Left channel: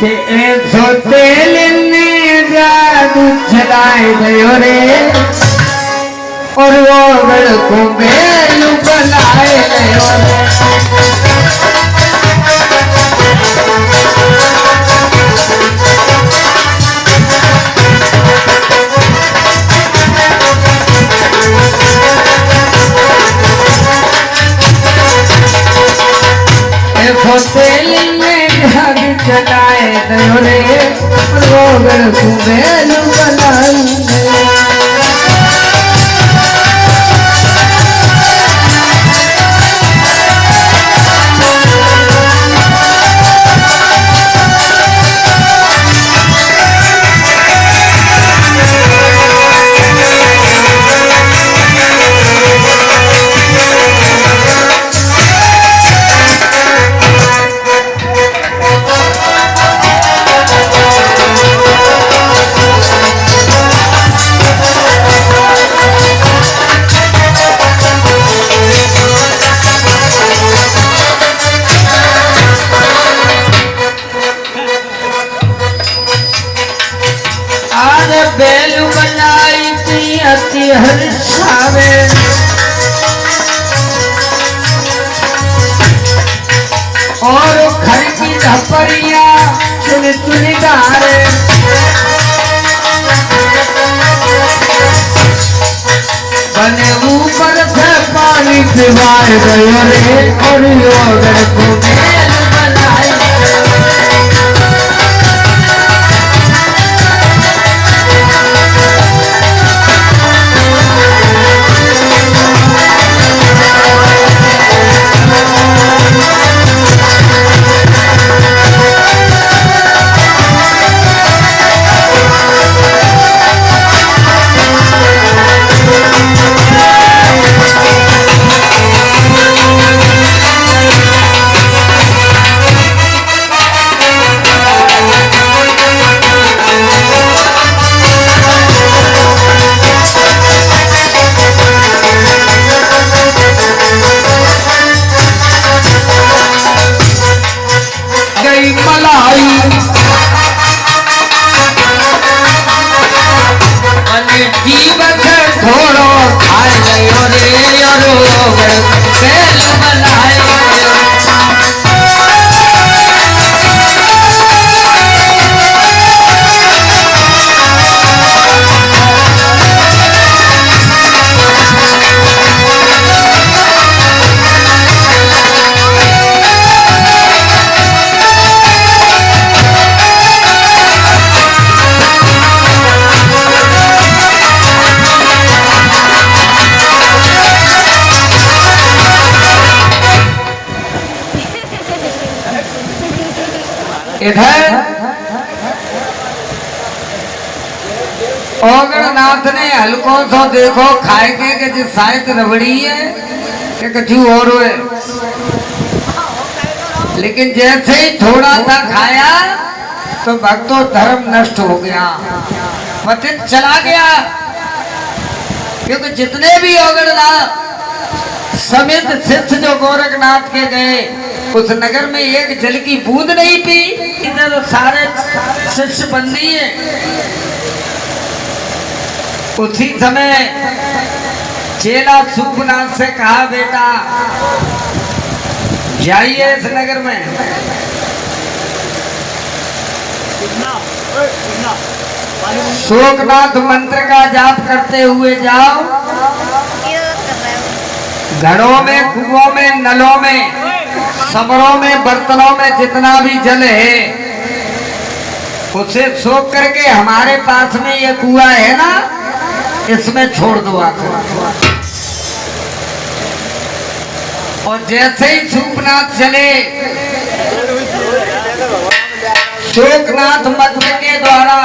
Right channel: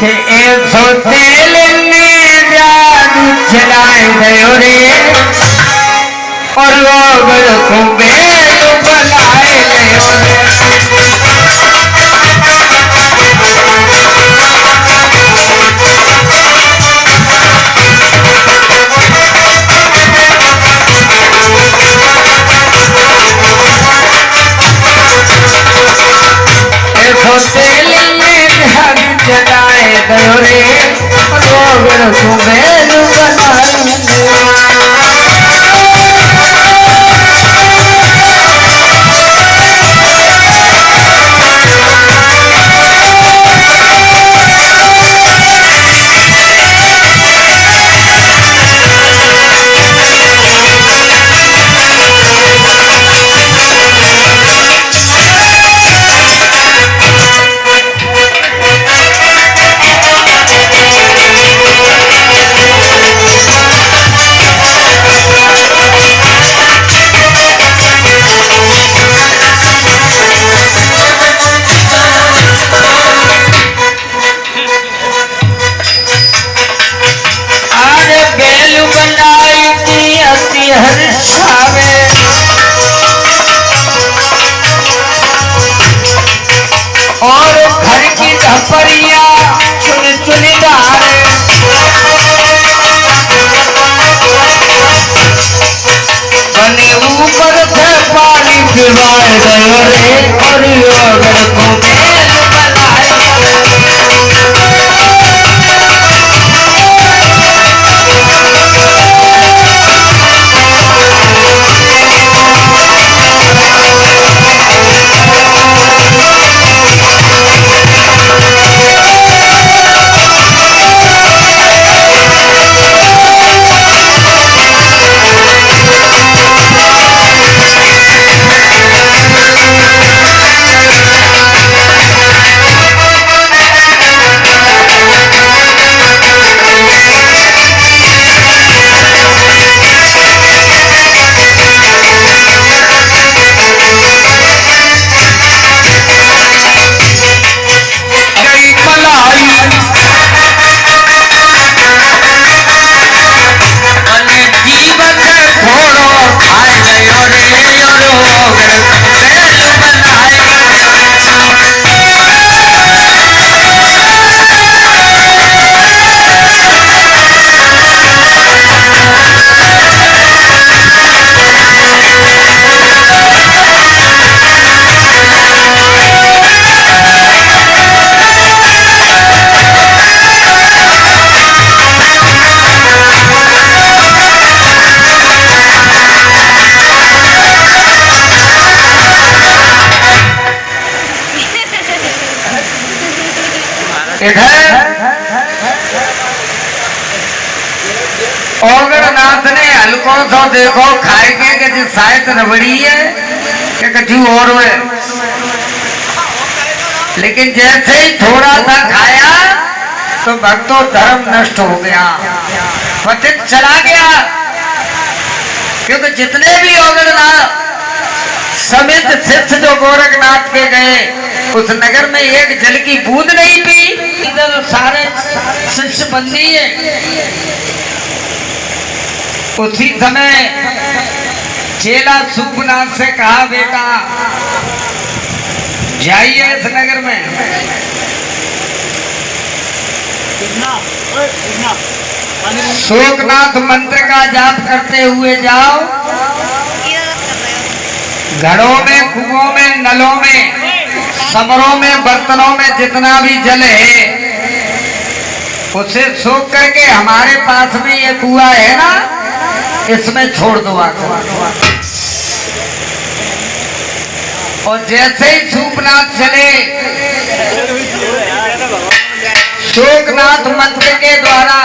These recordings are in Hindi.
कि ऐसो तेल ने जादू चलाए गयो रे और वो को बेल बनाए गयो रे। ऐसो तेल ने जादू चलाए गयो रे और वो को बेल बनाए गयो। हर्षावे और घर की धपरिया चुन चुन डारे बने ऊपर से पानी पिवाए गयो रे और योगर को मेल बनाए इधर ओगरनाथ ने हल्को सो देखो खाएंगे कि जी शायद रबड़ी है कि कछु और है, लेकिन जैसे ही थोड़ा सा खाया तो भक्तों धर्म नष्ट हो गया, पतित चला गया। क्योंकि जितने भी ओगरनाथ समेत शिष्य जो गोरखनाथ के गए उस नगर में एक जल की बूंद नहीं पी। इधर सारे शिष्य बंदी है। उसी समय चेला सुखनाथ से कहा बेटा जाइए इस नगर में, शोकनाथ मंत्र का जाप करते हुए जाओ, घड़ों में कुओं में नलों में समरों में बर्तनों में जितना भी जल है उसे सोख करके हमारे पास में ये कुआ है ना इसमें छोड़ दो आको। और जैसे ही सूपनाथ चले शोकनाथ मंत्र के द्वारा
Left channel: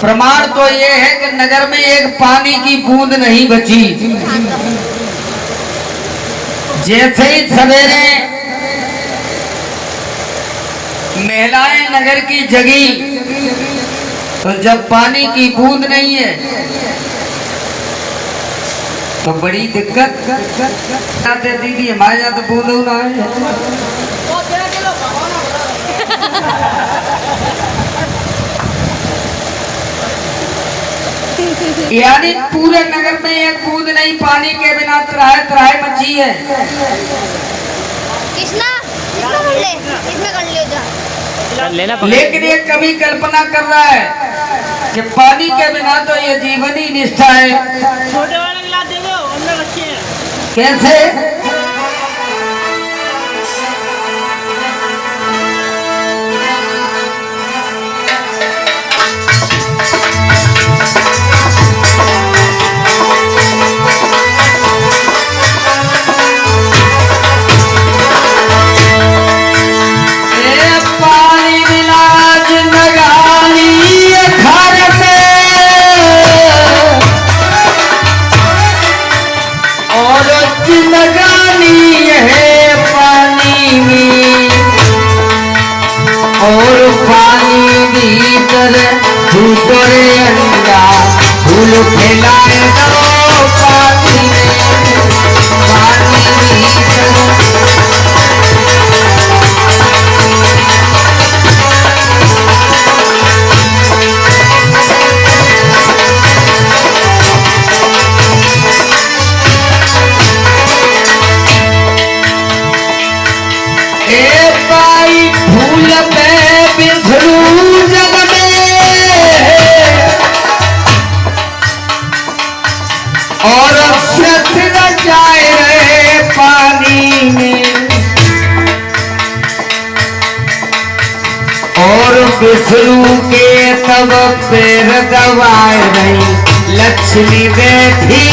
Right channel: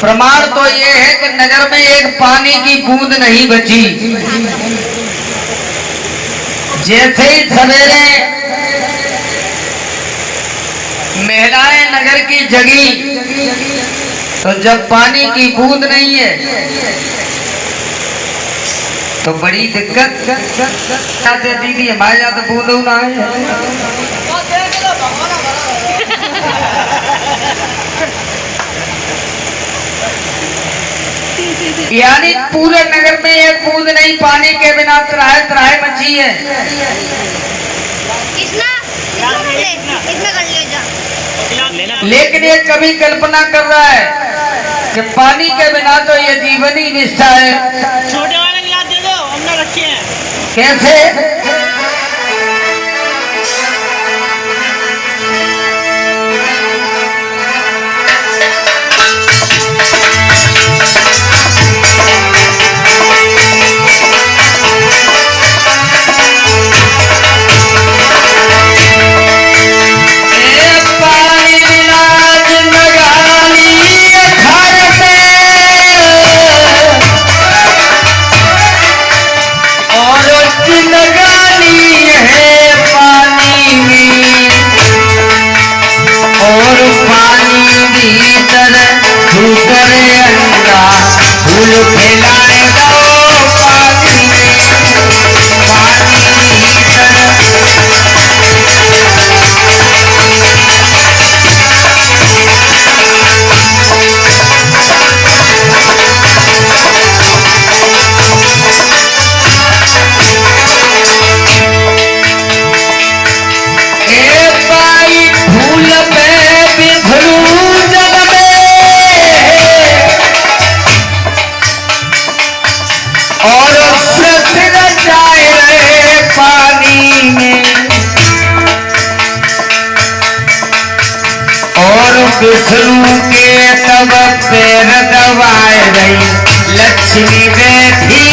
प्रमाण तो ये है कि नगर में एक पानी की बूंद नहीं बची। जैसे ही सवेरे महिलाएं नगर की जगी तो जब पानी की बूंद नहीं है तो बड़ी दिक्कत आते दीदी हमारे यहाँ तो बूंद ना है। यानी पूरे नगर में एक बूंद नहीं पानी के बिना त्राहे त्राहे मची है। लेकिन ये कभी कल्पना कर रहा है कि पानी के बिना तो ये जीवनी निष्ठा है। छोटे वाले गिलास दे दो, हमने रखे हैं। कैसे? करे अंडा फूल फैलाए दो पानी फूल पे बिखरू जग और जाए रहे पानी में और बिसरू के तब पैर दबाए रही लक्ष्मी बैठी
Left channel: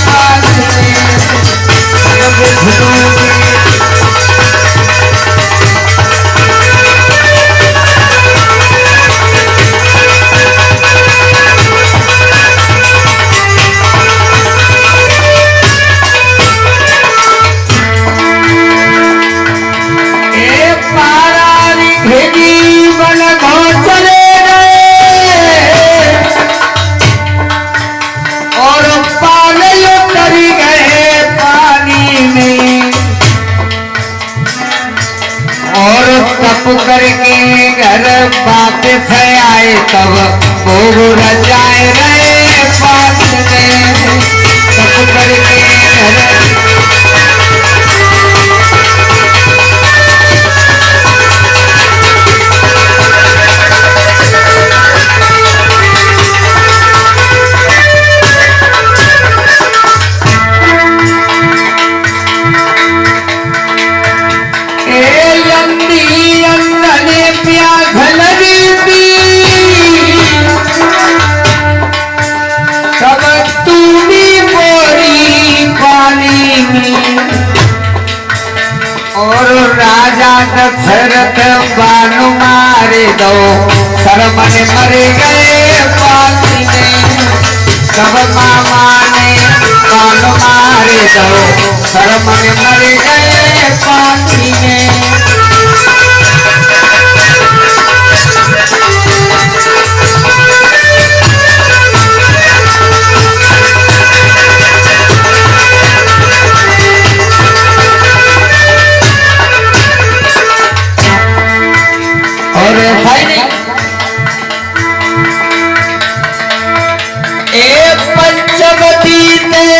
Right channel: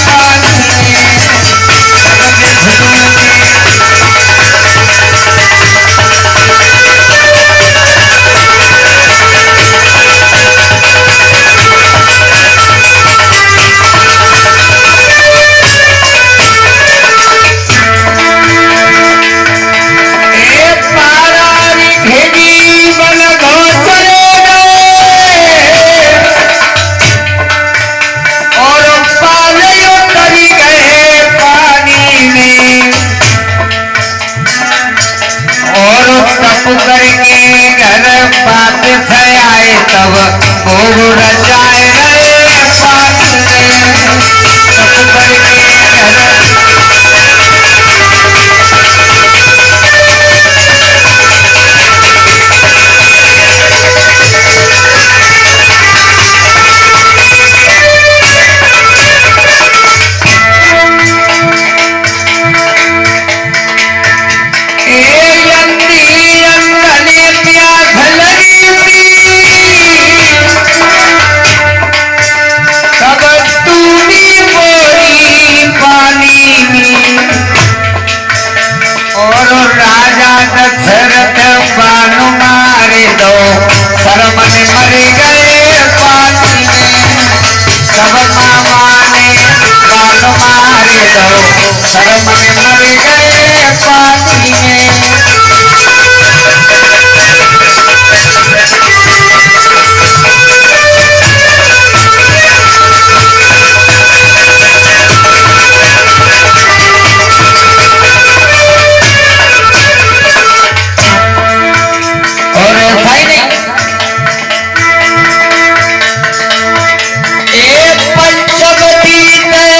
पानी में। बिसरू के करके घर बात से आए तब भोग रचाए रहे पास में तब करके घर दशरथ बानु मारे दो शर्मन मर गए पानी में। सब मामा ने बानु मारे दो शर्मन मर गए पानी में। और ऐसा ही नहीं एक पंचवटी में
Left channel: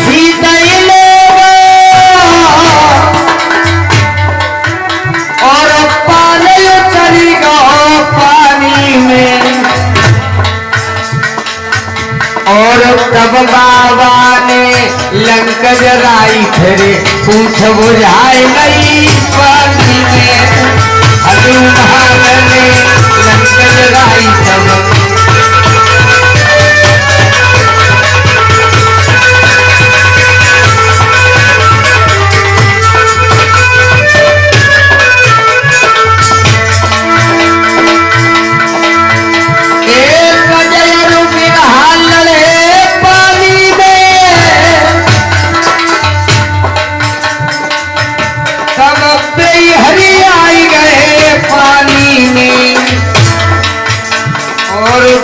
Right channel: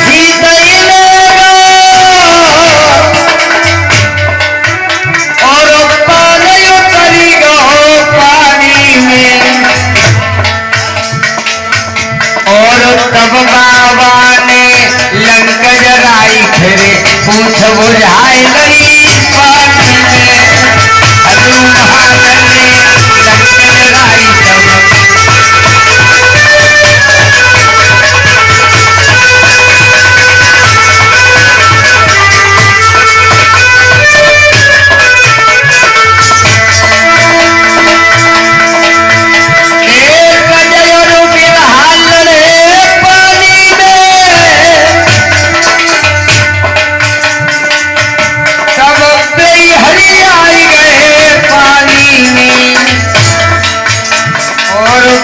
सीता और पानी उतरी गो पानी में और तब बाबा ने लंक जराई फिर पूछ बुझाई गई पानी में। हनुमान ने लंक जराई तब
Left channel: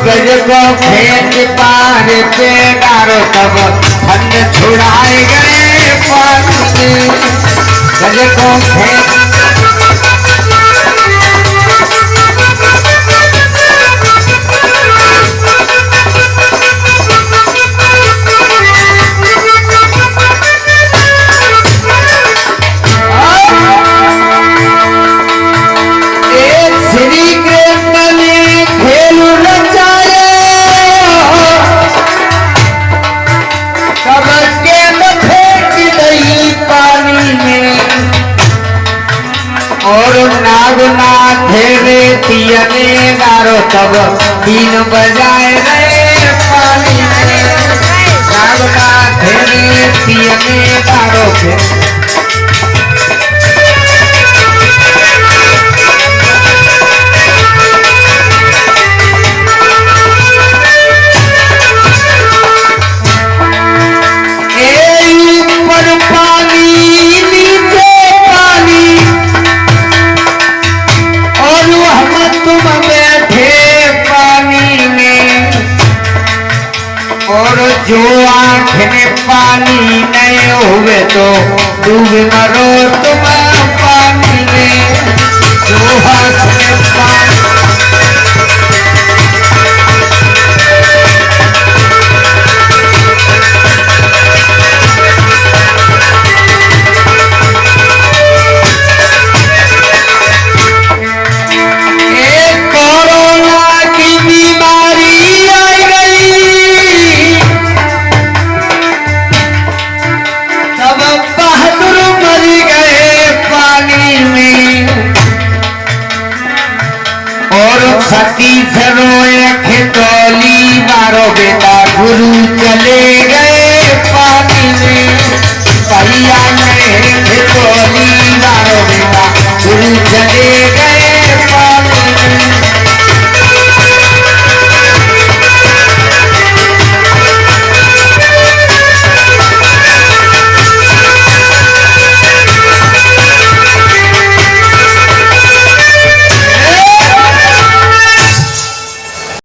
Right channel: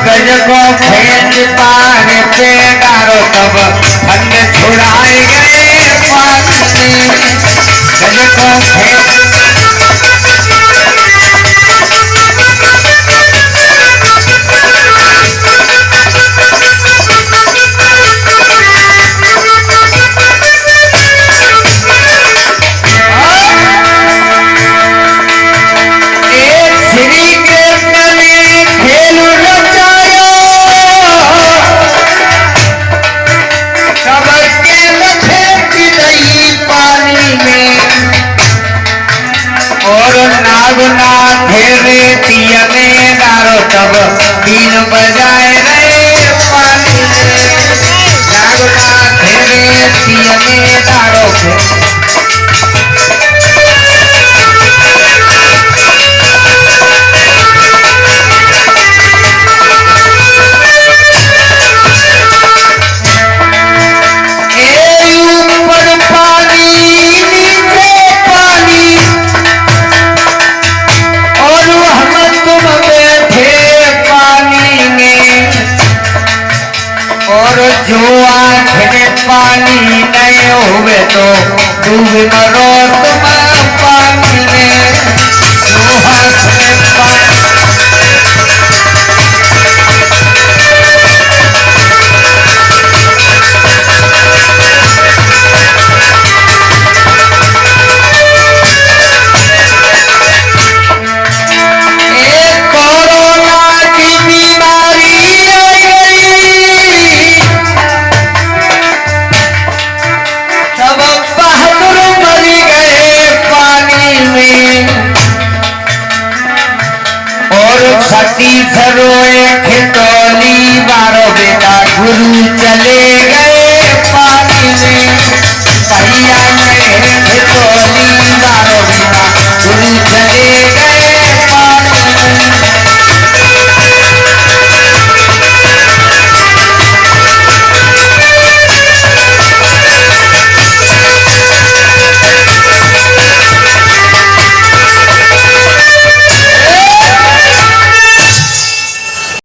गज को फेंच पारे पे डारो तब ठंड छुड़ाए गए पानी में। गज को फेंच नागनाथ रेतिया में डारो तब 3 बजाए रे पानी में। नागनाथ रेतिया में डारो जो आँख में पानी नहीं हुए तो डूब मरो तुम पानी में। जो आँख में पानी सती सरोए खितौली बारो बेटा गुरु चले गए पानी में। भैया नहीं खितौली बारो बेटा गुरु चले गए पानी में।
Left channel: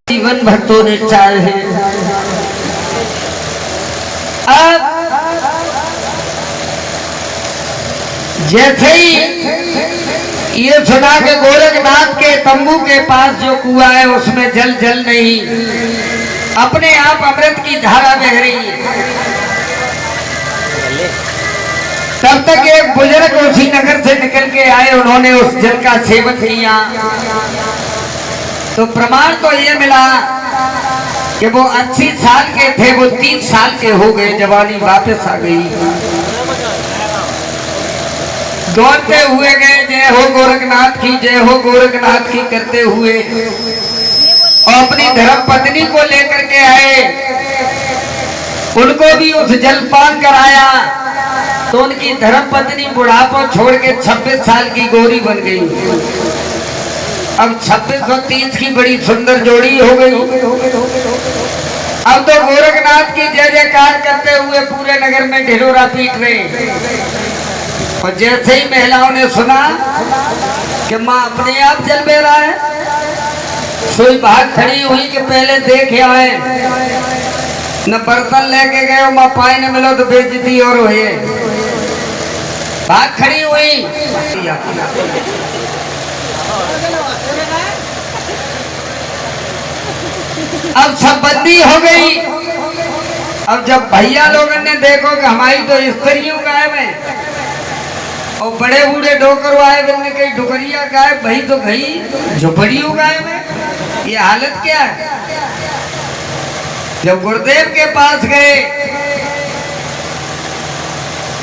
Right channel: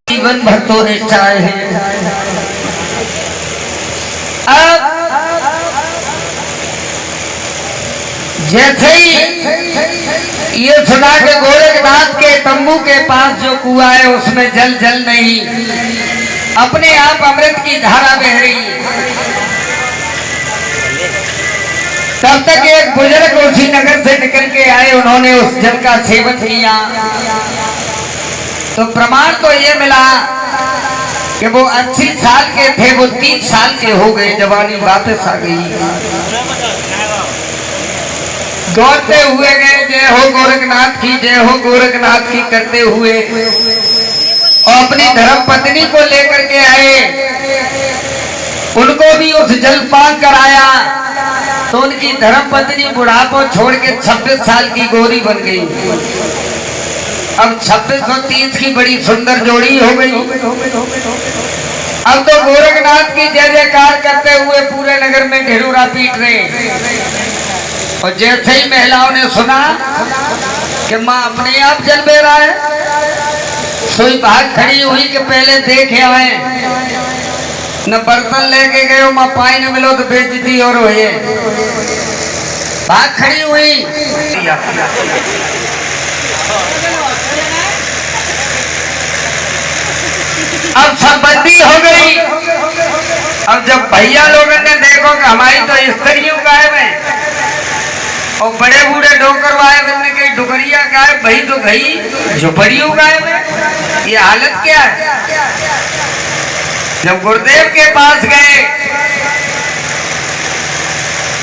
जीवन भर तो निष्ठाए है। अब जैसे ही ये सुना के गोरखनाथ के तंबू के पास जो कुआं है उसमें जल नहीं, अपने आप अमृत की धारा बह रही है। तब तक एक बुजुर्ग उसी नगर से निकल के आए, उन्होंने उस जल का सेवन किया तो प्रमाण तो ये मिला कि वो 80 साल के थे, वो 30 साल के हो गए, जवानी वापस आ गई। दौड़ते हुए गए, जय हो गोरखनाथ की, जय हो गोरखनाथ की करते हुए, और अपनी धर्म पत्नी को लेकर के आए। उनको भी उस जलपान कराया तो उनकी धर्म पत्नी बुढ़ापा छोड़ के 26 साल की गोरी बन गई। अब 26 और 30 की बड़ी सुंदर जोड़ी हो गई। अब तो गोरखनाथ की जय जयकार करते हुए पूरे नगर में ढिढोरा पीट रहे। और जैसे ही महिलाओं ने सुना कि माँ अपने आप जल बह रहा है, सोई भाग खड़ी हुई कि पहले देख आए, न बर्तन लेके गए, माँ पाई न मिलो तो बेइज्जती और हुई। भाग खड़ी हुई। अब सब बंदी हो गई। अब जब भैया लोगों ने देखो कि हमारी तो स्त्रियों गायब है, और बड़े बूढ़े डोकर गायब, ने कही डुगरिया गायब, भाई तो गई झोपड़ियों गायब है, ये हालत क्या है। जब गुरुदेव के पास गए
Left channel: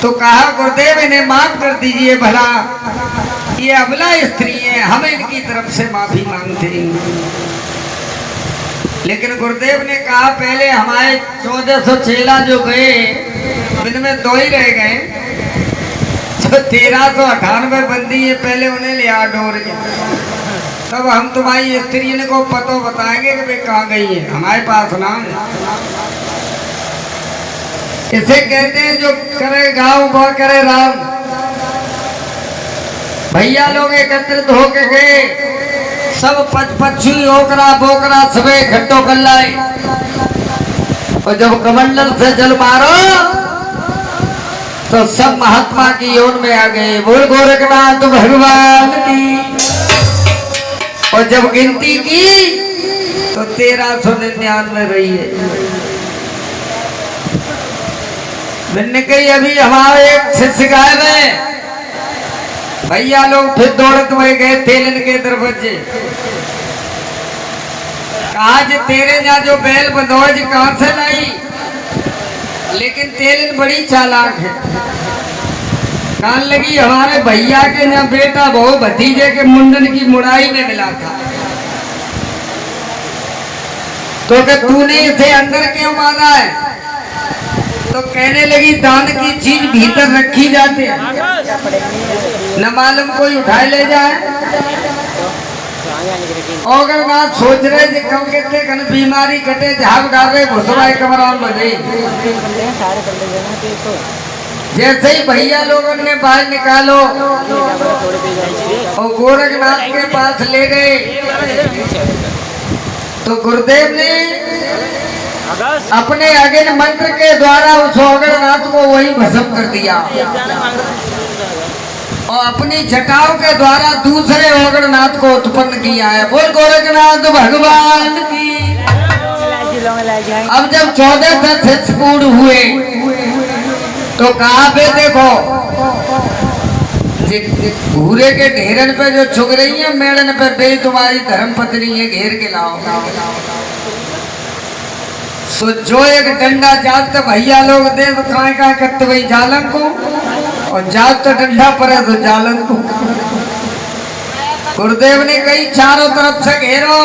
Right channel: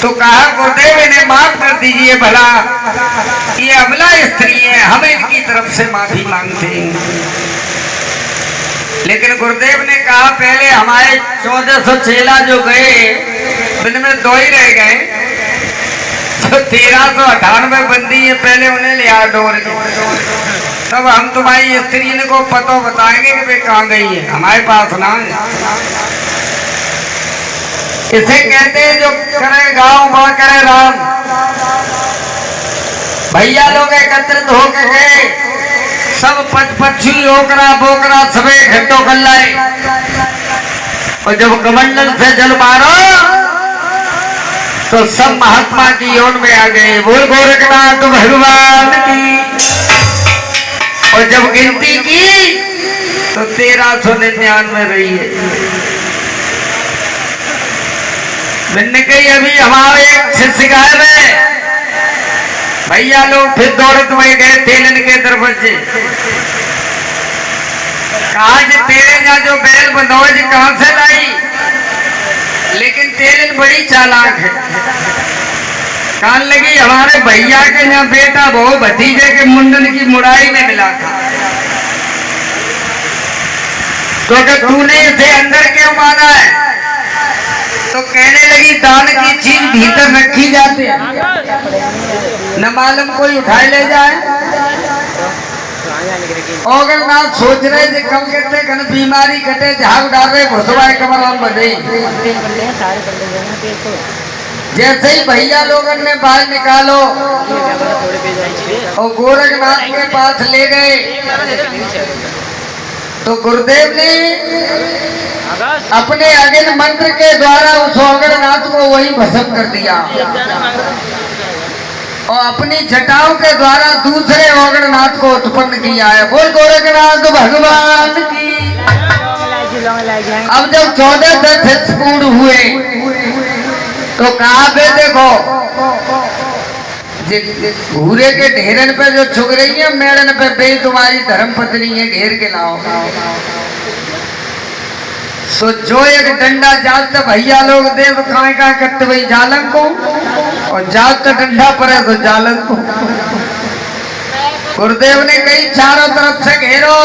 तो कहा गुरुदेव इन्हें माफ कर दीजिए, भला ये अबला स्त्री है, हम इनकी तरफ से माफी मांगते हैं। लेकिन गुरुदेव ने कहा पहले हमारे 1400 चेला जो गए उनमें 2 ही रह गए, तो 1398 बंदी है, पहले उन्हें ले आ डोर के, तब हम तुम्हारी स्त्री को पता बताएंगे कि वे कहाँ गई है, हमारे पास ना है। इसे कहते हैं जो करे गांव बा करे राम। भैया लोग एकत्रित होके गए, सब पक्षी ओकरा बोकरा सबे घंटों कर लाए, और जब कमंडल से जल मारो तो सब महात्मा की ओर में आ गए। बोल गोरखनाथ भगवान की। और जब गिनती की तो 1399 रही है। मैंने कही अभी हमारे एक शिष्य गायब है। भैया लोग फिर दौड़त में गए तेलन के दरवाजे। कहा तेरे ना जो बैल बंधोज कहां से लाई, लेकिन तेलन बड़ी चालाक है। कान लगी हमारे भैया के ना बेटा बहु भतीजे के मुंडन की मुड़ाई में मिला था, तो कि तूने इसे अंदर क्यों माना है? तो कहने लगी दान की चीज भीतर रखी जाती है, न मालूम कोई उठाए ले जाए। और अगर ना सोच रहे थे कम कहते कन बीमारी कटे झाग डाल रहे घुसवाए कमरान बने। जैसे ही भैया लोगों ने बाहर निकालो और गोरखनाथ के पास ले गए, तो गुरुदेव ने अपने अगेन मंत्र के द्वारा उस गोरखनाथ को वही भस्म कर दिया और अपनी जटाओं के द्वारा दूसरे गोरखनाथ को उत्पन्न किया है। बोल गोरखनाथ भगवान की। अब जब 14 शिष्य पूर्ण हुए तो कहा पे देखो घूरे के ढेरन पे जो चुग रही है मेड़न पे बे तुम्हारी धर्म पत्नी है, घेर के लाओ। तो जो एक डंडा जात भैया लोग दे तो कहाँ कहाँ करते भाई जालन को, और जात डंडा पड़े तो जालन को। गुरुदेव ने कही चारों तरफ से घेरो,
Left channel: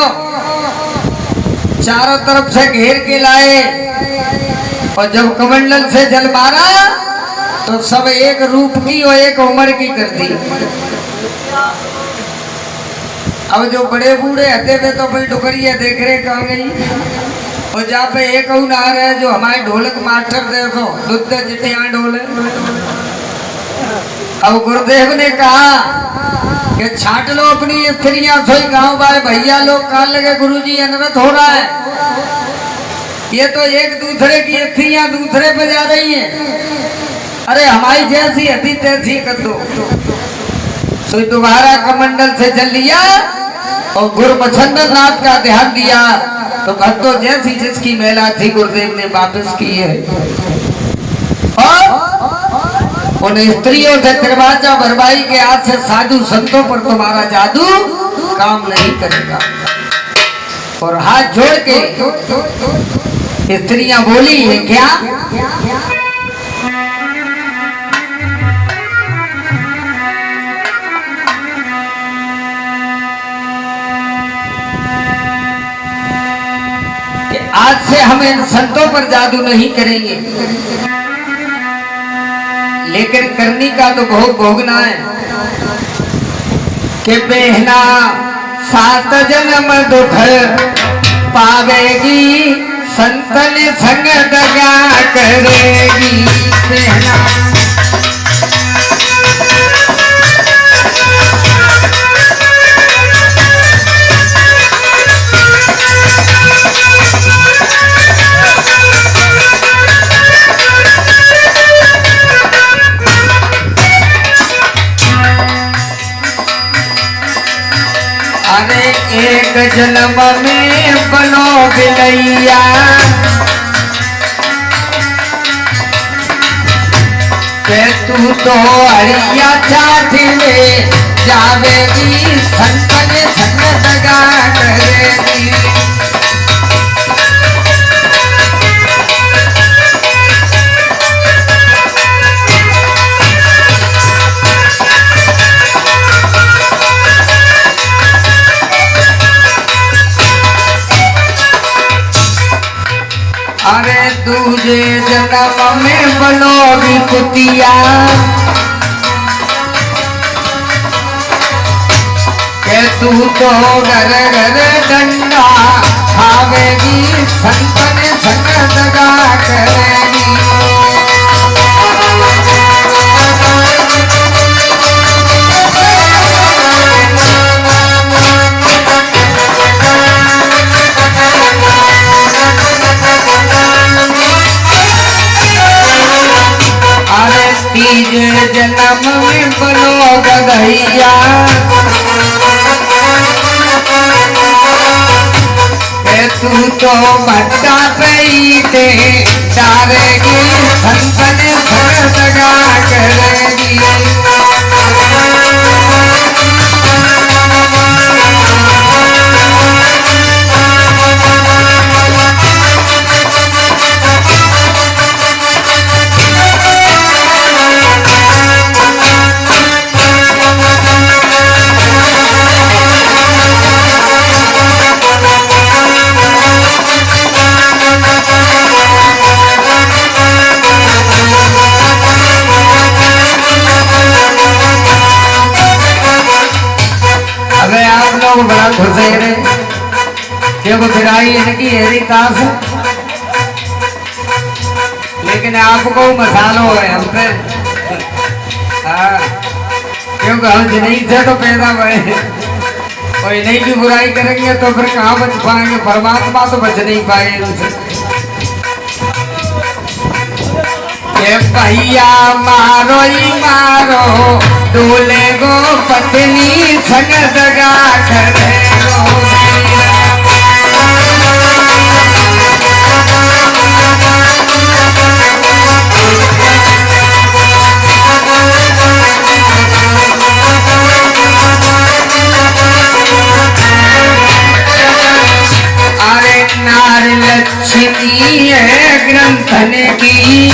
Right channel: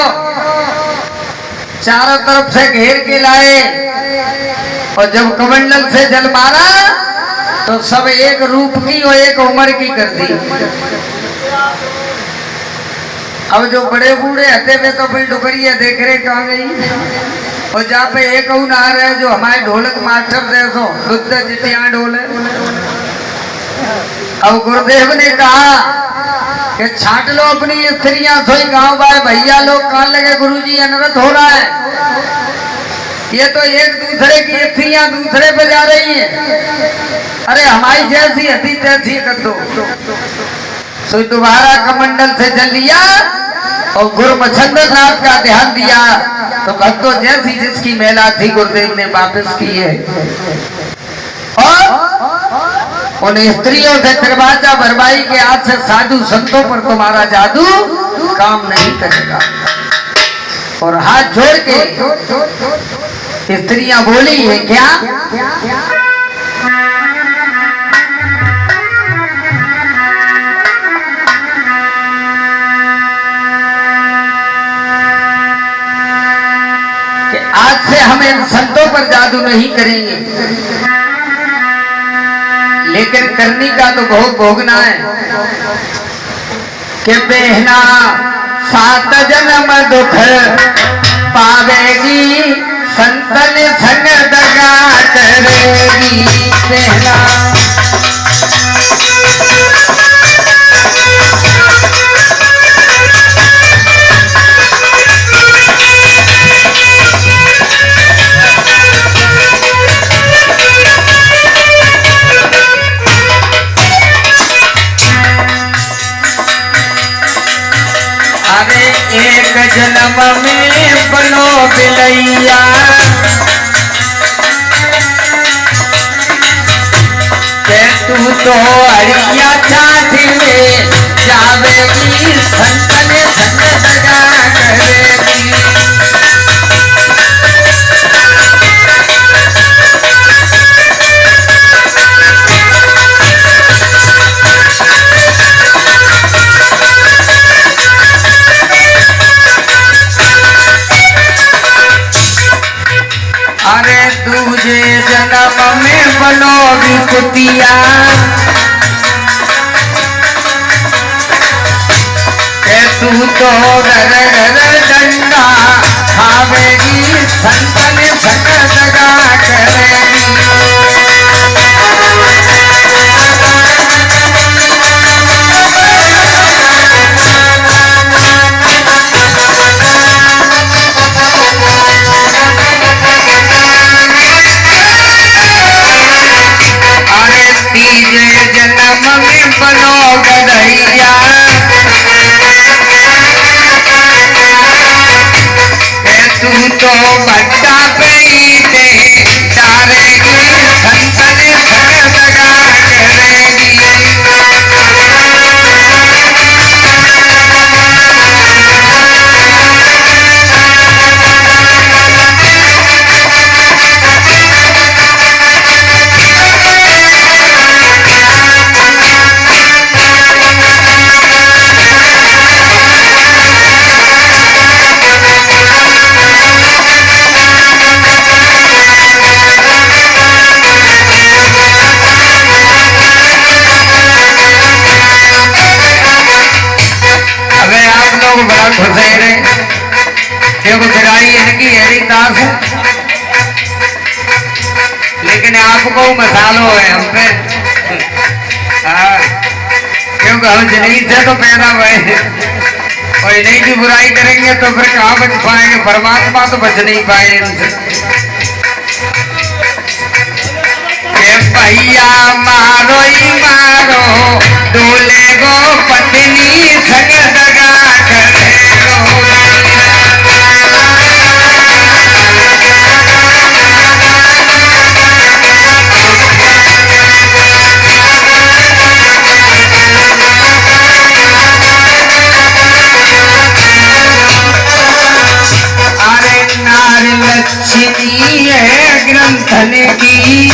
चारों तरफ से घेर के लाए और जब कमंडल से जल मारा तो सब एक रूप की और एक उम्र की कर दी। अब जो बड़े बूढ़े हते वे तो अपनी डुकरिया देख रहे कहाँ गई, और जहाँ पे एक ना रहे जो हमारे ढोलक मास्टर देखो दुद्ध जितिया ढोले। अब गुरुदेव ने कहा कि छाट लो अपनी स्त्रियां, सोई गांव बाय भैया लोग कान लगे गुरुजी अनर्थ हो रहा है। ये तो एक दूसरे की स्त्रियां दूसरे पे जा रही हैं। अरे हमारी जैसी हती तैसी कर दो। तो दोबारा कमंडल से जल लिया और गुरु मच्छंदर नाथ का ध्यान दिया तो भक्तों जैसी जिसकी मेला थी गुरुदेव ने वापस की है। और उन स्त्रियों से दरवाजा भरवाई के हाथ से साधु संतों पर तुम्हारा जादू काम नहीं करेगा। और हाथ जोड़ के स्त्रियां बोली है क्या? कि आज से हम इन संतों पर जादू नहीं करेंगे, लेकिन करनी का तो बहुत भोगना है। कि बहना 7 जन्म दुख पावेगी, संतन संग दगा करेगी। बहना अरे एक जन्म में बनो बिलैया, के तू तो अड़िया चाट में जावेगी, संतन संग दगा करेगी। अरे दूजे जन्म में बनोगी कुतिया, के तू तो घर घर डंडा खावेगी, संतन संग दगा करेगी। तीजे जन्म में बनो गधैया, के तू तो भट्टा पे ही दे डालेगी, संतन संग दगा करेगी। और खुश रहे, क्योंकि बिराई इनकी हरिदास है, लेकिन आपको मसालो है हम पे। हाँ, क्योंकि हम जिन्हीं से तो पैदा हुए हैं, और इन्हीं की बुराई करेंगे तो फिर कहाँ बच पाएंगे, परमात्मा तो बच नहीं पाए इनसे। भैया मारो ही मारो, दूल्हे को पत्नी संग दगा करे गो। अरे नार लक्ष्मी है ग्रंथन की,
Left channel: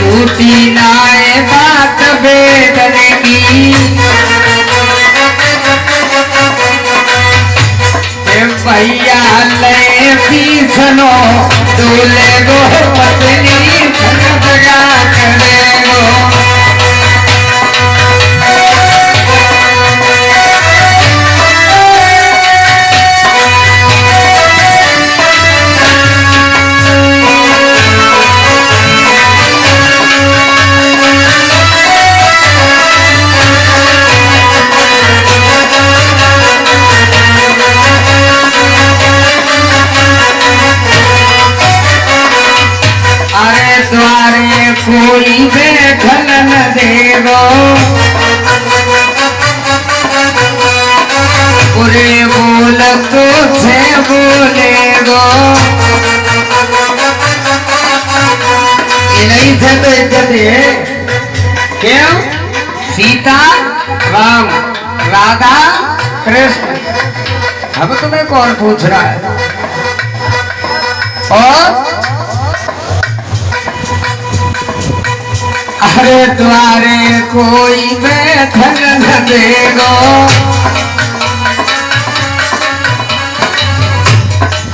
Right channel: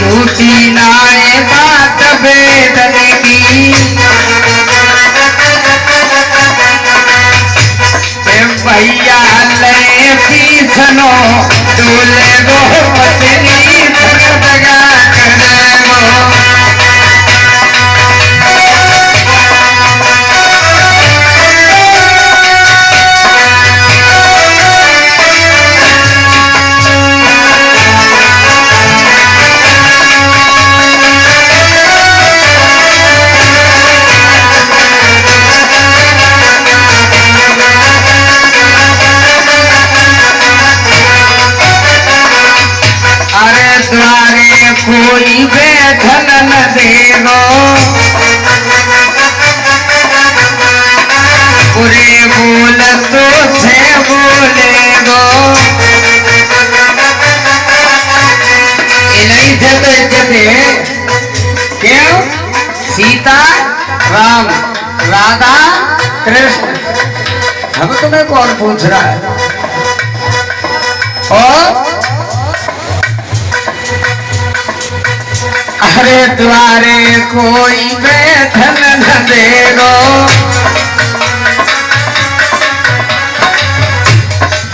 झूठी नाए बात वेदन की। भैया ले पीसनो, दूल्हे गो पत्नी संग दगा करे गो। द्वारे कोई बैठन न देगो, बुरे बोल तो से बोलेगो। इन्हीं से बेचते क्यों? सीता राम, राधा कृष्ण। अब तुम्हें कौन पूछ रहा है? और अरे द्वारे कोई बैठन न देगो,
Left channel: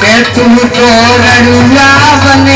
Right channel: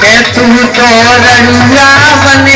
के तू तो रड़ुआ बने